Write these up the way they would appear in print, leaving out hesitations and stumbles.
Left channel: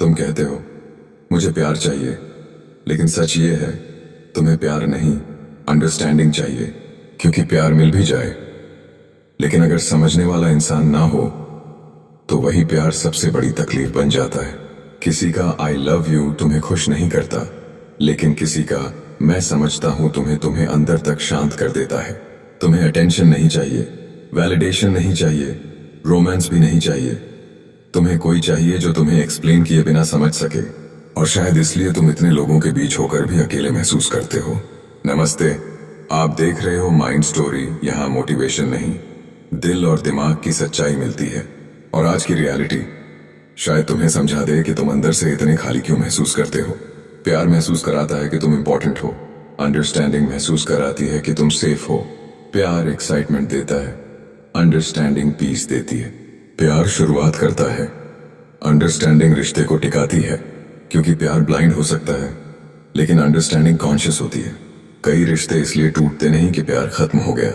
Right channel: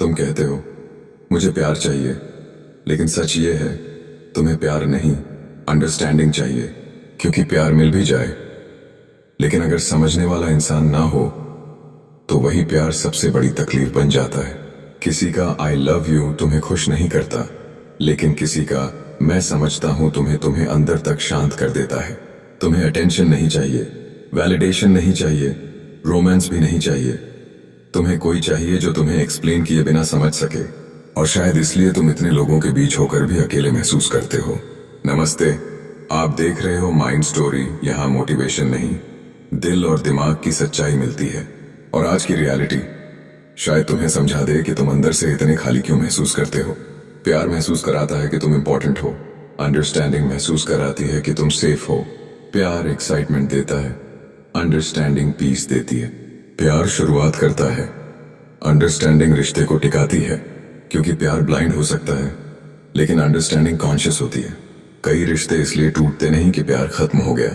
तुम कहते हो मुझे प्यार चाहिए, लेकिन सच ये है तुम्हें प्यार नहीं, अंडरस्टैंडिंग चाहिए। क्योंकि प्यार मिल भी जाए, लेकिन अगर समझने वाला इंसान ना हो तो वही प्यार सबसे बड़ी तकलीफ बन जाता है। किसी का आई लव यू तुम्हें खुश नहीं करता, लेकिन किसी का मैं समझता हूं तुम्हें तुम्हें अंदर तक शांत कर देता है। तुम्हें अटेंशन नहीं चाहिए, वैलिडेशन नहीं चाहिए, रोमांस भी नहीं चाहिए। तुम्हें कोई चाहिए जो तुम्हें एक्सप्लेन किए बिना समझ सके। और शायद इसलिए तुम इतने लोगों के बीच होकर भी अकेले महसूस करते हो। नमस्ते, आप देख रहे हो माइंड स्टोरी। यहाँ मोटिवेशन नहीं, दिल और दिमाग की सच्चाई मिलती है। और आज की रियलिटी शायद तुम्हें समझा दे कि तुम अंदर से इतने खाली क्यों महसूस करते हो। प्यार महसूस कराता है कि तुम इंपॉर्टेंट हो, अंडरस्टैंडिंग महसूस कराती है कि तुम सेफ हो। प्यार एक्साइटमेंट देता है, अंडरस्टैंडिंग पीस देती है। प्यार शुरुआत करता है, अंडरस्टैंडिंग रिश्ते को टिकाती है। क्योंकि प्यार ब्लाइंड हो सकता है, लेकिन अंडरस्टैंडिंग कॉन्शियस होती है। कई रिश्ते इसलिए टूटते नहीं कि प्यार खत्म हो गया,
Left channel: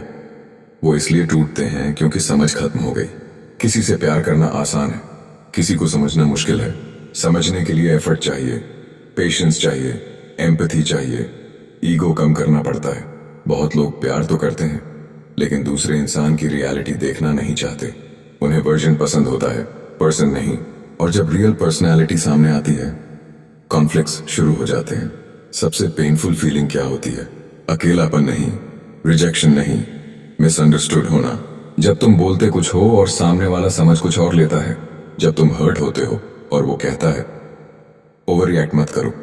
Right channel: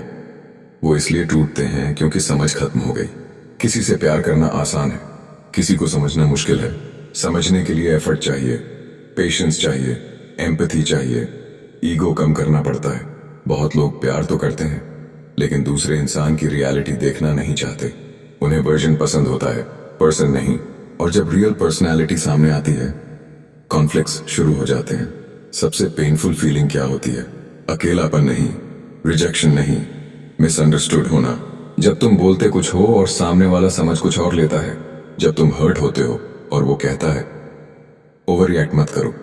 वो इसलिए टूटते हैं क्योंकि समझ खत्म हो गई। किसी से प्यार करना आसान है, किसी को समझना मुश्किल है। समझने के लिए एफर्ट चाहिए, पेशेंस चाहिए, एम्पैथी चाहिए, ईगो कम करना पड़ता है। बहुत लोग प्यार तो करते हैं, लेकिन दूसरे इंसान की रियलिटी देखना नहीं चाहते। उन्हें वर्जन पसंद होता है, पर्सन नहीं। और जब रियल पर्सनैलिटी सामने आती है, कॉन्फ्लिक्ट्स शुरू हो जाते हैं। सबसे पेनफुल फीलिंग क्या होती है? अकेलापन नहीं, रिजेक्शन नहीं, मिसअंडरस्टूड होना। जब तुम बोलते कुछ हो और सामने वाला समझ कुछ और लेता है। जब तुम हर्ट होते हो और वो कहता है ओवर रिएक्ट मत करो।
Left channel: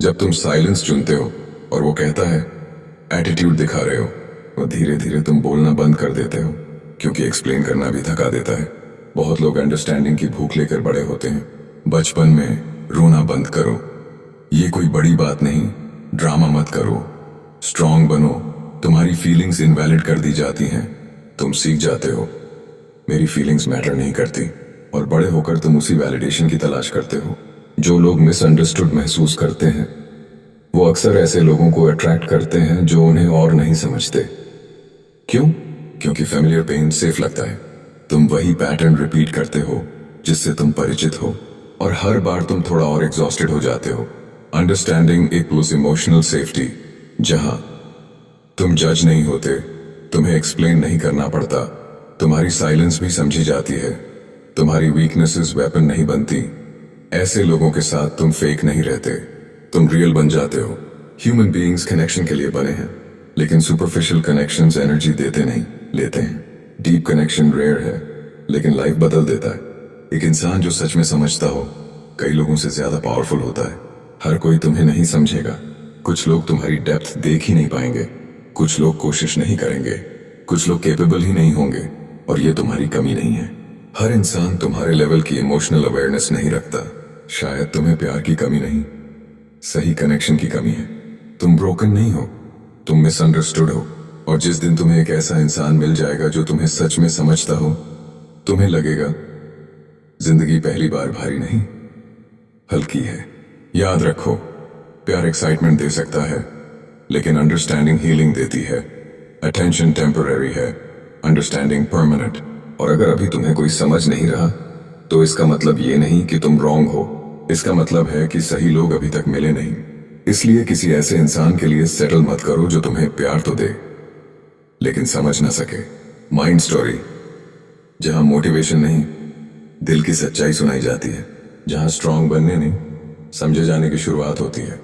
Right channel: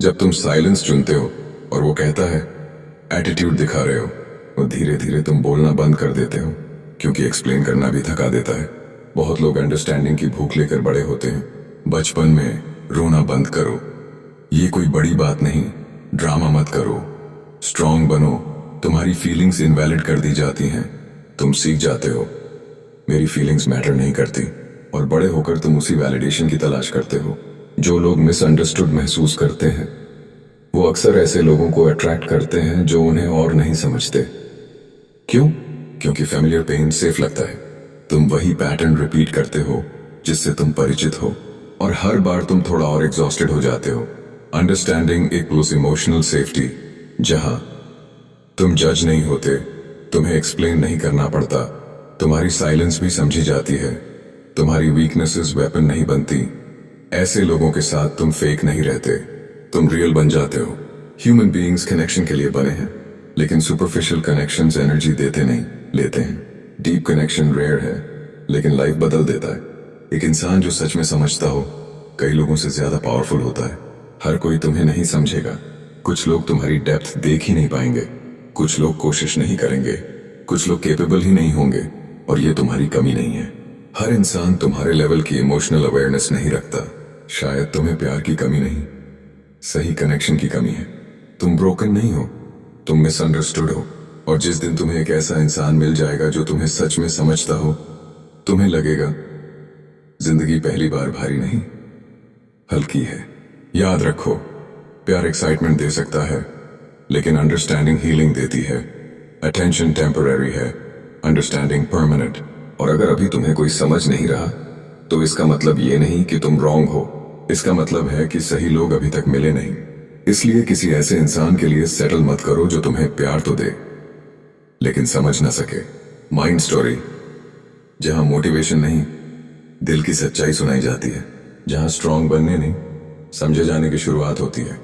जब तुम साइलेंस चुनते हो और वो कहता है एटीट्यूड दिखा रहे हो। और धीरे धीरे तुम बोलना बंद कर देते हो, क्योंकि एक्सप्लेन करना भी थका देता है। बहुत लोग अंडरस्टैंडिंग की भूख लेकर बड़े होते हैं। बचपन में रोना बंद करो, ये कोई बड़ी बात नहीं, ड्रामा मत करो, स्ट्रांग बनो। तुम्हारी फीलिंग्स इनवैलिड कर दी जाती हैं। तुम सीख जाते हो मेरी फीलिंग्स मैटर नहीं करती, और बड़े होकर तुम उसी वैलिडेशन की तलाश करते हो। जो लोग मिसअंडरस्टूड महसूस करते हैं वो अक्सर ऐसे लोगों को अट्रैक्ट करते हैं जो उन्हें और नहीं समझते। क्यों? क्योंकि फेमिलियर पेन सेफ लगता है। तुम वही पैटर्न रिपीट करते हो जिससे तुम परिचित हो, और हर बार तुम थोड़ा और एग्जॉस्टेड हो जाते हो। अंडरस्टैंडिंग इक्वल्स इमोशनल सेफ्टी, जहां तुम जज नहीं होते, तुम्हें एक्सप्लेन नहीं करना पड़ता, तुम्हारी साइलेंस भी समझी जाती है, तुम्हारी वीकनेसेस वेपन नहीं बनती। ऐसे लोगों के साथ तुम फेक नहीं रहते, तुम रियल बन जाते हो। ह्यूमन बीइंग्स कनेक्शन के लिए बने हैं, लेकिन सुपरफिशियल कनेक्शंस एनर्जी देते नहीं, लेते हैं। डीप कनेक्शन रेयर है, लेकिन लाइफ बदल देता है। एक इंसान जो सच में समझता हो कई लोगों से ज्यादा पावरफुल होता है। हर कोई तुम्हें नहीं समझेगा। कुछ लोग तुम्हारी डेप्थ देख ही नहीं पाएंगे, कुछ लोग कोशिश नहीं करेंगे, कुछ लोग कैपेबल ही नहीं होंगे, और ये तुम्हारी कमी नहीं है। हर इंसान तुम्हारे लेवल की इमोशनल अवेयरनेस नहीं रखता। शायद तुम्हें प्यार की कमी नहीं, सही कनेक्शन की कमी है। तुम ब्रोकन नहीं हो, तुम मिसअंडरस्टूड हो। और जिस दिन तुम्हें एक ऐसा इंसान मिल जाएगा जो तुम्हें सच में समझता हो, तुम्हें लगेगा जिंदगी पहली बार भारी नहीं, हल्की है। याद रखो, प्यार एक्साइटमेंट दे सकता है, लेकिन अंडरस्टैंडिंग हीलिंग देती है। अटेंशन टेम्पररी है, अंडरस्टैंडिंग परमानेंट। और अगर अभी तुम्हें कोई समझ नहीं रहा, तो इसका मतलब ये नहीं कि तुम रॉन्ग हो, इसका मतलब है कि सही लोग अभी तक मिले नहीं। इसलिए किसी ऐसे इंसान के लिए सेटल मत करो जो तुम्हें प्यार तो दे, लेकिन समझ ना सके। माइंड स्टोरी, जहां मोटिवेशन नहीं, दिल की सच्चाई सुनाई जाती है। जहां स्ट्रांग बनने नहीं, समझे जाने की शुरुआत होती है।